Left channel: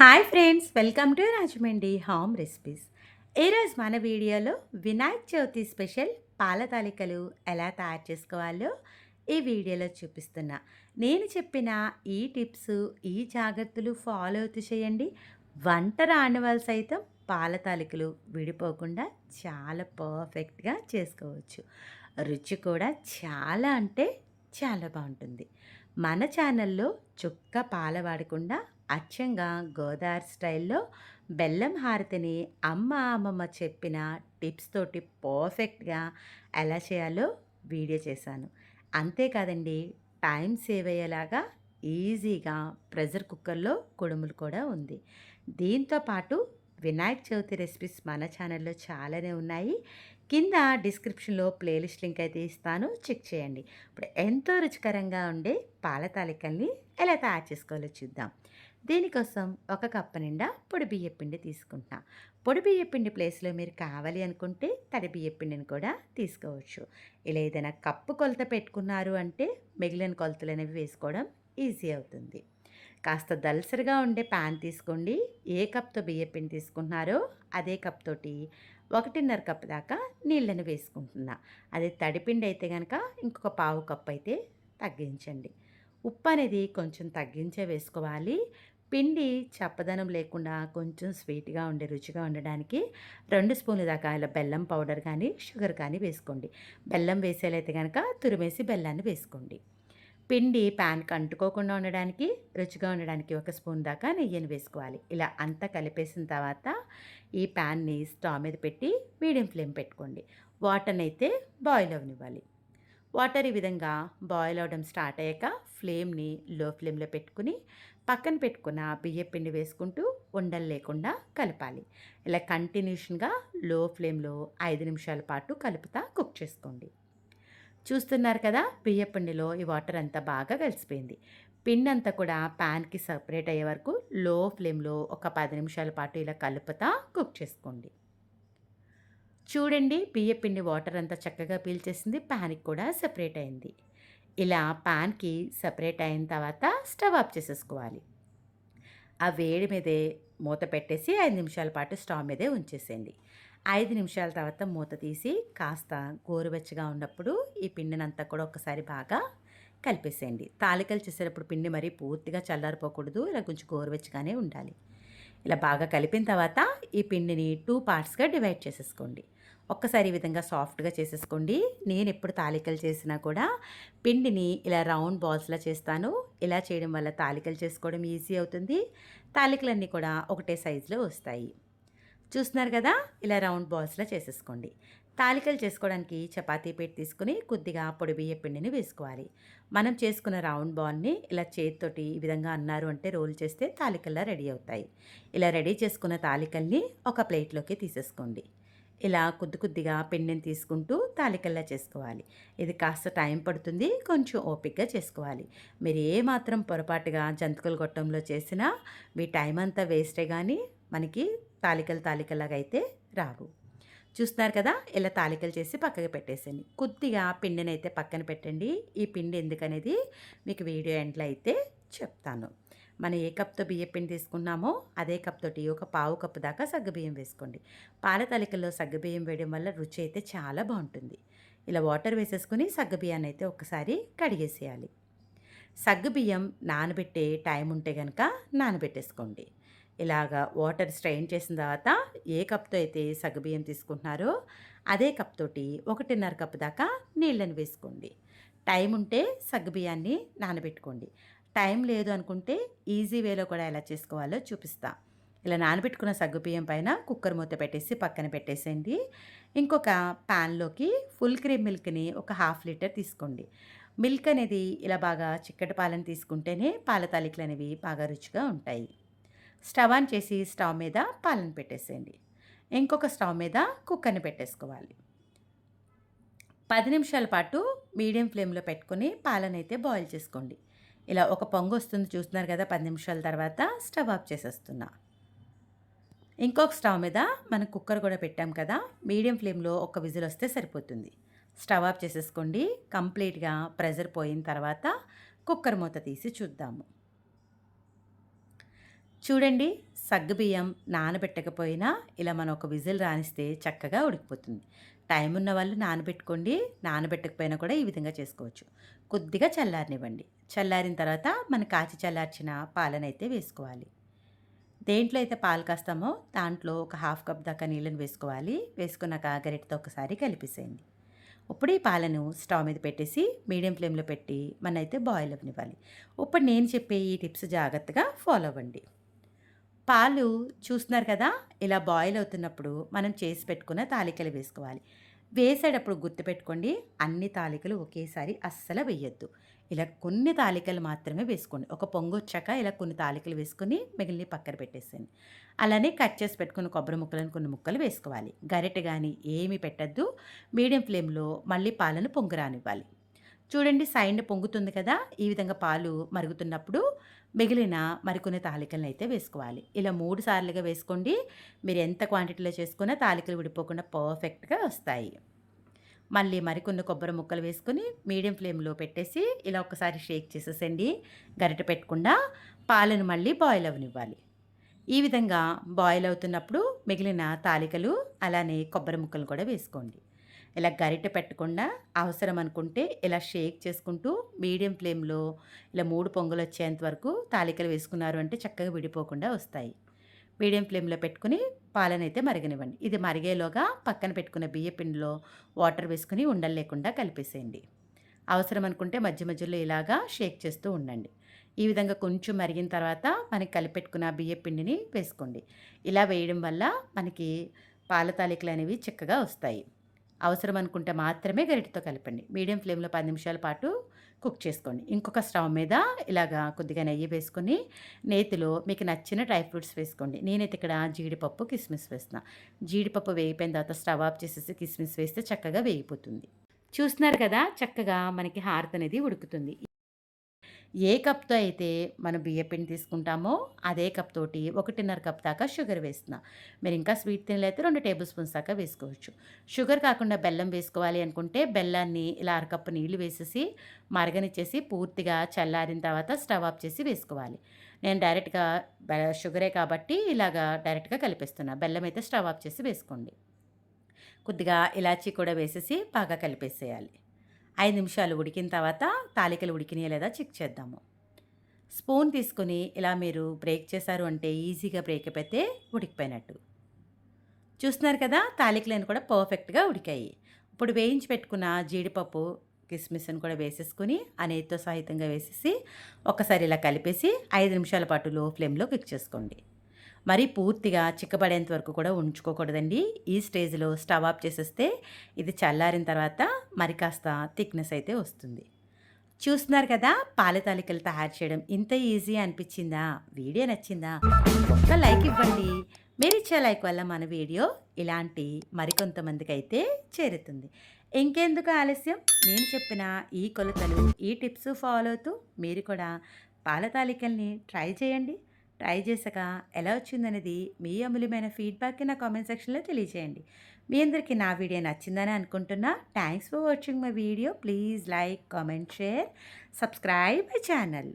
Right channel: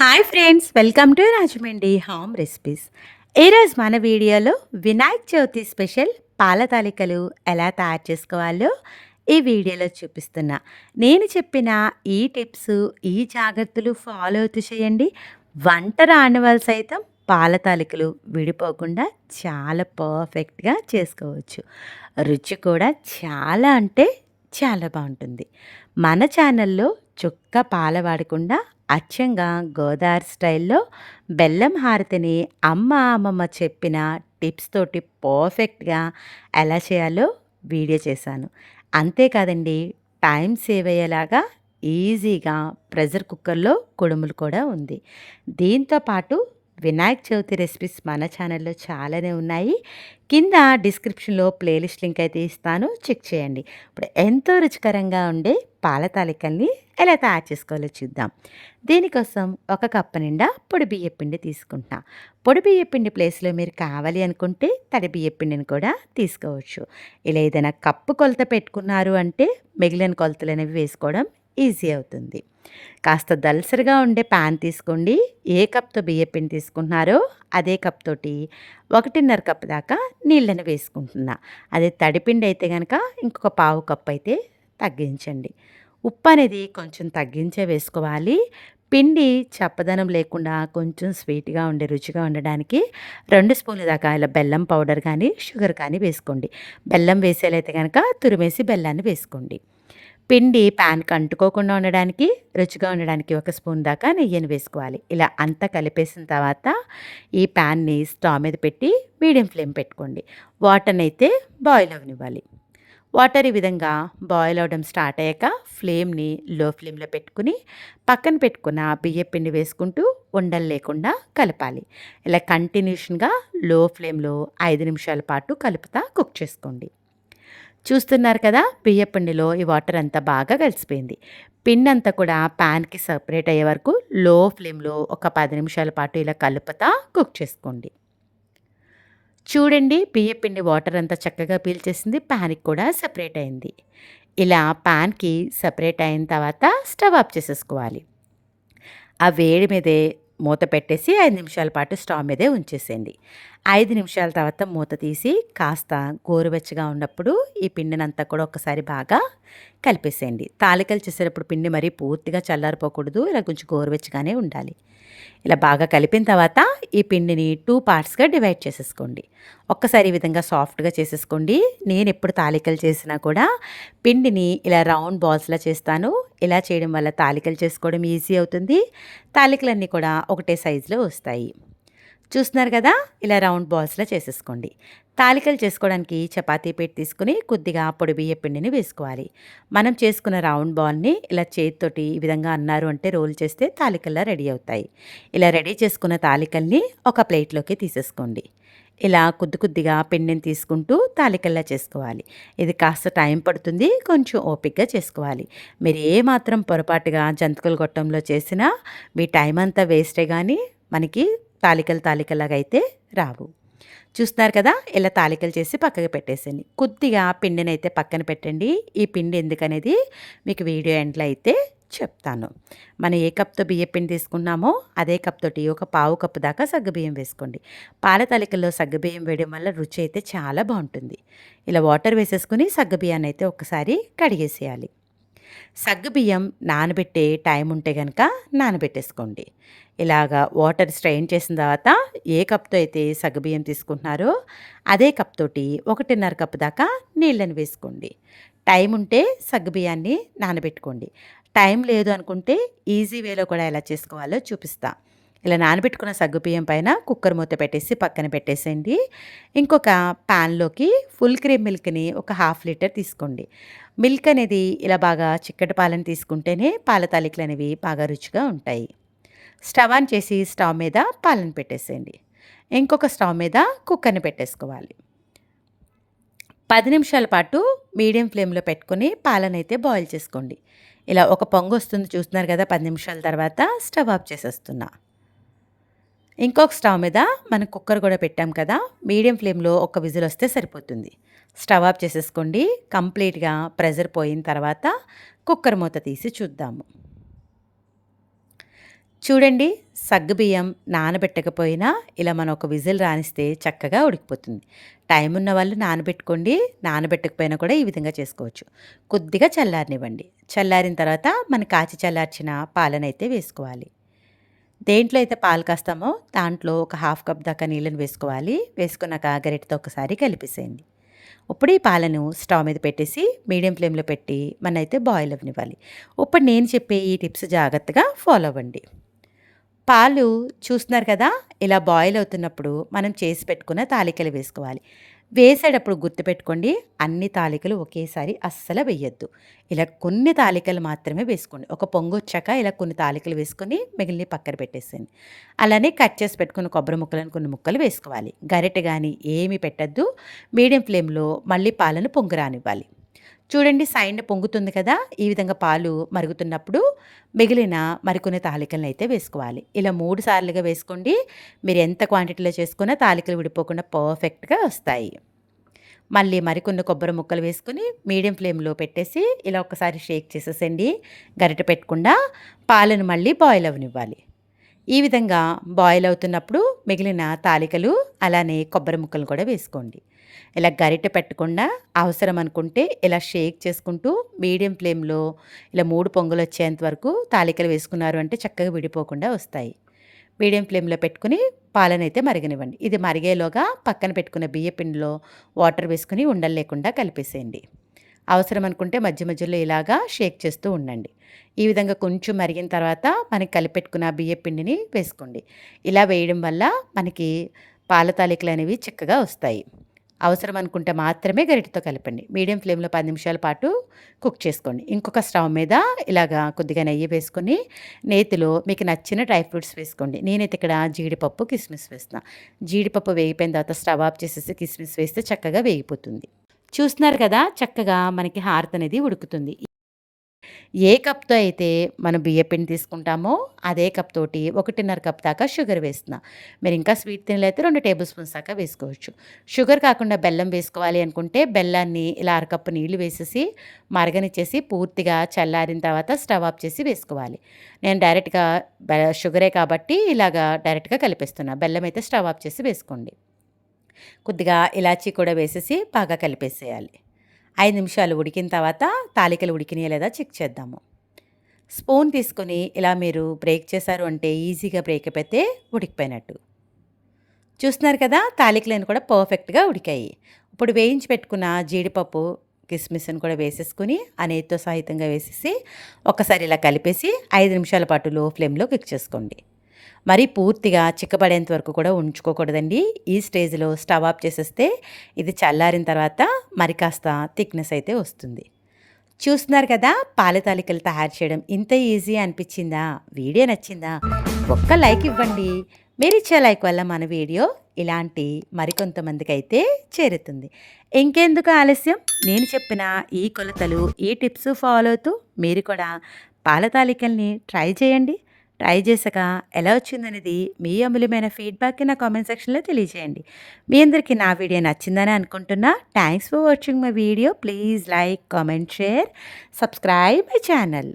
Hi friends welcome to Rajahmundry home recipes ఈరోజు మన వీడియోలో వినాయక చవితి స్పెషల్ పాల తాలికలు ఎలా తయారు చేసుకోవాలో ఈ వీడియోలో చూపిస్తున్నా. నేను చెప్పిన ఈ టిప్స్ ఈ జాగ్రత్తలు ఫాలో అవుతూ చేయండి. వంట రాని వాళ్ళు సైతం పాల తాలికలు విడిపోకుండా చాలా పర్ఫెక్ట్గా చేసుకోవచ్చు. రుచి కూడా చాలా అంటే చాలా బాగుంటుంది. మన ఛానల్లో చుక్క పాల వాడకుండా అచ్చంగా గోదావరి స్టైల్లో బెల్లం హారతిని అమ్మ అమ్మమ్మ చెప్పిన టిప్స్ తోటి పర్ఫెక్ట్గా ఎలా చేయాలో వీడియో చేశాను. అంతేకాదండి టైం సేవ్ అయ్యేలాగా ఈజీగా ప్రెషర్ కుక్కర్లో కుడుములు కూడా ఉంది. దీంతో పాటు వినాయక చవితి రెసిపీస్ మన ఛానల్లో చాలానే ఉన్నాయి. కింద డిస్క్రిప్షన్లో ప్లేలిస్ట్ లింక్ అయితే ఇస్తాను. చెక్ చేయండి. ఇప్పుడు ఎంతో రుచికరంగా ఉండే పాల తాలికల్ని ఎలా తయారు చేసుకోవాలో చూద్దాం. దీనికోసం ఒక కప్పు నిండా పొడి బియ్య పిండి తీసుకుంటున్నా. పొడి బియ్య పిండి ప్లేస్లో మీరు కావాలి అనుకుంటే తడి బియ్య పిండిని కూడా తీసుకోవచ్చు. ఇలా ఏదైనా కప్పు కొలత పెట్టుకున్నారు అంటే మిగిలిన కొలతలు అనేవి వేసుకోవడం ఈజీ అవుతుంది. కాస్త దలసరిగా ఉండే ప్యాన్ తీసుకోండి. ఏ కప్తో బియ్యపిండి తీసుకుంటున్నారో అదే కప్ తోటి ఒకటిన్నర కప్ దాకా నీళ్ళని వేసుకుంటున్నా. అదే తడిపిండి అయితే కనుక ఇంకొక పావు కప్ అయితే తగ్గించండి. ఉప్పు అనేది కొంచెం తగ్గించే వేసుకోవాలి. పిండి చప్పదనం లేకుండా కొంచెం స్వీట్గా ఉండే రుచిగా ఉండడానికి రెండు స్పూన్ల దాకా ఇలా బెల్లం పౌడర్ కానీ షుగర్ కానీ వేసుకోండి. బెల్లం వేసేలైతే కనుక తురిమేసి బెల్లాన్ని వేసుకోండి. పిండి ప్యాన్కి అంటుకోకుండా ఉండడానికి రుచిగా ఉండడానికి ఒక స్పూన్ దాకా నెయ్యిని వేసుకోవాలి. ఇలా అంతా కలిపేసిన తర్వాత ఈ ప్యాన్ని స్టవ్ మీద పెట్టి మీడియం ఫ్లేమ్ పెట్టుకోండి. వాటర్ని అయితే బాయిల్ అవనివ్వాలి. వాటర్ ఈ విధంగా బాయిల్ అవడం స్టార్ట్ అయ్యాక ఫ్లేమ్ని లో ఫ్లేమ్లో పెట్టుకుని పక్కన పెట్టుకున్న బియ్య పిండి వేసుకుంటూ ఉండలు లేకుండా కలపాలి. ఇలా కంటిన్యూషన్గా లో ఫ్లేమ్లో ఐదు నిమిషాల పాటు కలుపుతా కుక్ చేసుకోండి. చూస్తున్నారు కదా బియ్యపిండిలో ఈ వాటర్ అంతా బాగా కలిసిపోయింది. పిండి అంతా కూడా ప్యాన్కి సపరేట్ అయ్యే వరకు లో ఫ్లేమ్లో ఒక పది నిమిషాల పాటు ఇలా కలుపుతా కుక్ చేసుకోండి. చూడండి బియ్యపిండి వాటర్ అంతా చక్కగా పీల్చేసింది ప్యాన్కి కూడా సపరేట్ అయింది. ఇలా ప్యాన్కి సపరేట్ అయిన తర్వాత స్టవ్ ఆఫ్ చేసేసుకోవాలి. ఆ వేడి మీదే మూత పెట్టేసి ఐదు నిమిషాల పాటు స్టవ్ మీదే ఉంచేసేయండి. ఐదు నిమిషాల తర్వాత మూత తీసి కాస్త గోరువెచ్చగా ఉన్నప్పుడు ఈ పిండినంతా కూడా ఒకసారి బాగా కలిపేసేయండి. తాలికలు చేసేటప్పుడు పిండి మరీ పూర్తిగా చల్లారిపోకూడదు ఇలా కొంచెం గోరువెచ్చగానే ఉండాలి. ఇలా బాగా కలిపిన తర్వాత ఈ పిండిని టూ పార్ట్స్గా డివైడ్ చేసేసుకోండి. ఒక్కసారి ఈ విధంగా సాఫ్ట్గా చేసేసుకోండి. నేను ఎప్పుడు తాలికలు చేసినా కూడా పిండిని ఇలా రౌండ్ బాల్స్లా చేస్తాను. ఇలా చేయడం వల్ల తాలికలు చేసుకోవడం ఈజీ అవుతుంది. తాలికలన్నీ కూడా ఒకటే సైజులో వస్తాయి. చూస్తున్నారు కదా? ఇలా రౌండ్ బాల్స్లో చేసేసుకోండి. తాలికలు చేసుకోవడానికి చపాతీ పెట్టి తీసుకుని కొద్దిగా పొడి బియ్య పిండిని వేసుకోవాలి. మనం చేసుకున్న రౌండ్ బాల్ని ఇలా చేతితోటి ఈ విధంగా అన్నారు అంటే రోల్ చేస్తే తాలికల్లా రెడీ అవుతాయి. ఇలా రెడీ చేసుకున్న తాలికల్ని ఒక ప్లేట్లోకి తీసేసుకోండి. ఇలా కొద్ది కొద్దిగా పిండిని తీసుకుంటూ తాలికల్లా చేసుకోవాలి. ఇది కాస్త టైం పడుతుంది కొంచెం ఓపిక్గా చేసుకోవాలి. మీరు ఏ మాత్రం పొరపాటుగా జంతికల గొట్టంలో చేసినా మీ టైం అంతా వేస్టే కానీ మనకి తాలికలు తాలికలాగా అయితే రావు. చూస్తున్నారు కదా? ఇలా తాలికలు చేసి పక్కకు పెట్టేసండి కొద్దిగా పిండిని అయితే పక్కన పెట్టండి. ఈ పిండి ఎందుకనేది మీకు వీడియో ఎండ్లో అయితే చెప్తాను. మనం ఏ కప్తో బియ్యం పిండి తీసుకున్నామో అదే కప్ తోటి ఒక పావు కప్పు దాకా సగ్గుబియ్యం వేసుకోండి. పాల తాలికల్లో సగ్గుబియ్యం వేయడం వల్ల రుచి అయితే చాలా బాగుంటుంది. ఇలా వాటర్ వేసేసుకుని సగ్గుబియ్యాన్ని అయితే ఒకసారి కడిగేసేయాలి. సగ్గుబియ్యం నానబెట్టే టైం ఉంటే కనుక నానబెట్టేసుకోండి. ఇలాగా వాటర్ స్ట్రెయిన్ చేసిన తర్వాత ఏ కప్తో అయితే సగ్గుబియ్యం తీసుకుంటున్నారో అదే కప్ తోటి ఒకటిన్నర కప్ దాకా నీళ్ళని వేసుకోండి. టైం ఉంటే సగ్గుబియ్యాన్ని నానబెట్టుకోండి. టైం లేదు అనుకుంటే ఈజీ వేలో కూడా ఎలా చేసుకోవాలో చూపిస్తా. ఇలా నానబెట్టుకున్న సగ్గుబియ్యం పైన కుక్కర్ మూత పెట్టేసి పక్కన పెట్టేసేయండి. ఇంకొక ప్యాన్లోకి ఫుల్ క్రీమ్ మిల్క్ని ఒక హాఫ్ లీటర్ తీసుకోండి. మిల్క్ అనేది ఇలా బాగా చిక్కటి పాలను తీసుకుంటేనే పాల తాలికలు అనేవి బాగా రుచిగా ఉంటాయి. స్టవ్ ఆన్ చేసి స్టవ్ మీద పాలను పెట్టేసేయండి. ఇంకొక స్టవ్ మీద కుక్కర్ని పెట్టేసుకోవాలి. పది నిమిషాల పాటు మీడియం ఫ్లేమ్లో పెట్టుకుని పాలనైతే బాయిల్ చేసుకోండి. ఇలా ఒక పొంగు వస్తుంది చూస్తున్నారు కదా పది నిమిషాల తర్వాత స్టవ్ ఆఫ్ చేసేస్తున్నా. ఇంకొక స్టవ్ మీద మనం కుక్కర్ కూడా పెట్టాం కదా మీడియం ఫ్లేమ్లో ఒక విజిల్ వస్తే సరిపోతుంది. స్టవ్ ఆఫ్ చేసేసుకోండి. కంప్లీట్గా ప్రెజర్ పోయిన తర్వాత కుక్కర్ మూత తీసి చూద్దాము. చూడండి సగ్గుబియ్యం నానబెట్టకపోయినా ఇలా మనం ఒక విజిల్ రానిస్తే చక్కగా ఉడికిపోతుంది. టైం ఉన్న వాళ్ళు నానబెట్టుకోండి నానబెట్టకపోయినా కూడా ఈ విధంగా చేసుకోవచ్చు. కొద్దిగా చల్లారనివ్వండి. చల్లారిన తర్వాత మన కాచి చల్లార్చిన పాలనైతే వేసుకోవాలి. దేంట్లో అయితే పాలు కాస్తామో దాంట్లో ఒక హాఫ్ కప్ దాకా నీళ్ళని వేసుకోవాలి. వేసుకున్నాక గరిటతో ఒకసారి కలిపేసేయండి. ఇప్పుడు ఈ పాలను స్టవ్ మీద పెట్టేసి మీడియం ఫ్లేమ్లో పెట్టి మనైతే బాయిల్ అవ్వనివ్వాలి. ఇప్పుడు నేను చెప్పే ఈ టిప్స్ జాగ్రత్తగా ఫాలో అవ్వండి. పాలు చూస్తున్నారు కదా ఇలా బాయిల్ అవుతున్నప్పుడు మనం చేసి పెట్టుకున్న తాలికలు వేసుకోవాలి. వేసేటప్పుడు గుర్తుపెట్టుకోండి అన్ని తాలికలు ఒకేసారి అస్సలు వేయొద్దు. ఇలా కొన్ని తాలికలు మాత్రమే వేసుకోండి. ఒక పొంగు వచ్చాక ఇలా కొన్ని తాలికలు వేసుకొని మిగిలిన పక్కన పెట్టేసేయండి. అలానే కట్ చేసి పెట్టుకున్న కొబ్బరి ముక్కలను కొన్ని ముక్కలు వేసుకోవాలి. గరిటె కానీ ఏమి పెట్టద్దు. మీడియం ఫ్లేమ్లో మళ్ళీ పాలను పొంగు రానివ్వాలి. చూడండి సైండ్ పొంగుతుంది కదా? ఈ విధంగా పాలు మరుగుతున్నప్పుడు మిగిలిన మరికొన్ని తాలికలను అయితే వేసుకోవాలి. ఇలా మూడు సార్లుగా వేసుకోండి. మీరు ఎంత క్వాంటిటీలో చేసుకున్నా తాలికలు విడిపోకుండా పర్ఫెక్ట్గా వస్తాయి. మళ్ళీ మరికొన్ని కొబ్బరి ముక్కలు వేసుకుని మీడియం ఫ్లేమ్లో పెట్టేసి ఇలా ఒకసారి షేక్ చేసేసండి గరిట పెట్టకుండా పాలను మళ్ళీ బాయిల్ అవనివ్వాలి. ఈ విధంగా బాయిల్ అవుతున్నప్పుడు మిగిలిన తాలికలు అలానే కొబ్బరి ముక్కలు కూడా వేసుకోండి. ఇలా గరిట పెట్టకుండా అవసరం అనుకుంటే ఇలా షేక్ చేసుకుంటూ మీడియం ఫ్లేమ్లో ఇలా మూడు పొంగులు వచ్చేంత వరకు తాలికలు వేసుకున్నారు అంటే చక్కగా విడిపోకుండా వస్తాయి. మీడియం ఫ్లేమ్లో పెట్టుకుని పాలనైతే మరగనివ్వండి. ఇది మరిగేలోగా పక్కన పెట్టుకున్న బియ్య పిండిలో వాటర్ వేసుకుని ఉండలు లేకుండా కలిపేసేయండి. అవసరం అనుకుంటే మధ్య మధ్యలో ఇలాగా షేక్ చేస్తూ ఉండండి. ఈ విధంగా కొంచెం మరిగిన తర్వాత మనకి కలిపెట్టుకున్న బియ్య పిండిని వేసుకోండి. ఇలా వేయడం వల్ల మనకి పాల తాలికలు అనేవి చక్కగా వస్తాయి. అవసరం అనుకుంటే మాత్రమే గరిటతో కలపండి. మీడియం ఫ్లేమ్లో పది నిమిషాల పాటు కుక్ చేసుకోండి. ఇంకొక స్టవ్ మీద ఇలాగా కొద్దిగా నెయ్యి వేసుకొని నేతిలో మీకు నచ్చిన డ్రై ఫ్రూట్స్ వేసుకోండి. నేనైతే ఇక్కడ జీడిపప్పు కిస్మిస్ వేస్తున్నా. జీడిపప్పు వేగిపోయిన తర్వాత స్టవ్ ఆఫ్ చేసేసి కిస్మిస్ వేస్తే చక్కగా వేగిపోతుంది. చూస్తున్నారు కదా చక్కగా మనకి హారత్ అనేది ఉడుకుతుంది. ఏ కప్తో అయితే మనం బియ్యపిండి తీసుకుంటామో అదే కప్ తోటి ఒకటిన్నర కప్ దాకా షుగర్ వేస్తున్నా. మీరు ఇంకా స్వీట్ తినలేతే రెండు టేబుల్ స్పూన్స్ దాకా వేసుకోవచ్చు. షుగర్ కాకుండా బెల్లం వేసుకోవాలి అనుకుంటే బెల్లాన్ని ఇలా అరకప్పు నీళ్ళు వేసేసి మరగనిచ్చేసి పూర్తిగా చల్లారిన తర్వాత స్టవ్ ఆఫ్ చేసి వేసుకోవాలి. నేను డైరెక్ట్గా షుగరే కాబట్టి ఇలాగా డైరెక్ట్గా కలిపేస్తున్నా. బెల్లం అయితే స్టవ్ ఆఫ్ చేసి వేసుకోండి. కొద్దిగా ఇలాచీ కూడా వేసేసి బాగా కలిపేసేయాలి. ఐదు నిమిషాలు ఉడికిన తర్వాత తాలికలు ఉడికినాయా లేదా చెక్ చేద్దాము. స్పూన్ తీసుకొని ఇలా మీరు బ్రేక్ చేశారు అంటే ఈజీగా బ్రేక్ అయిపోతే ఉడికిపోయినట్టు. చూస్తున్నారు కదా తాలికలను కూడా పర్ఫెక్ట్గా ఉడికాయి. ఇప్పుడు వేయించి పెట్టుకున్న జీడిపప్పు కిస్మిస్ని కూడా వేసేసుకుని అనేతో సహితంగా వేసేసి ఒకసారి ఇలా కలిపేసి ఐదు నిమిషాల పాటు లో ఫ్లేమ్లో కుక్ చేసుకోండి. మరి పూర్తిగా చిక్కబడేంత వరకు కూడా ఉంచుకోకూడదండి. ఈ స్టేజ్లో స్టవ్ ఆఫ్ చేసేస్తే ఇది చల్లారిన తర్వాత మరి కాస్త థిక్నెస్ అయితే వస్తుంది. చూస్తున్నారు కదా పాలతాలికలు తయారు చేయడం ఇంత ఈజీ అనిపించిందా? వీడియో నచ్చిందా? ఒక్క లైక్ ఇవ్వండి. మీరు ఇచ్చే లైక్ వల్ల మన వీడియో ఇలాంటి మరికొంతమందికి అయితే చేరుతుంది. ఇంకెందుకు ఆలస్యం? నేను చెప్పిన ఈ కొలతలు ఈ టిప్స్ ఫాలో అవుతూ మీరు కూడా పాలతాలికల్ని ట్రై చేయండి. ట్రై చేసాక ఎలా వచ్చిందనేది మీ అమూల్యమైన ఫీడ్బ్యాక్కి నా కామెంట్ సెక్షన్లో తెలియజేయండి. మీ అందరికీ నా వీడియో నచ్చిందని అనుకుంటున్నా. Thanks for watching my video please like comment share subscribe my channel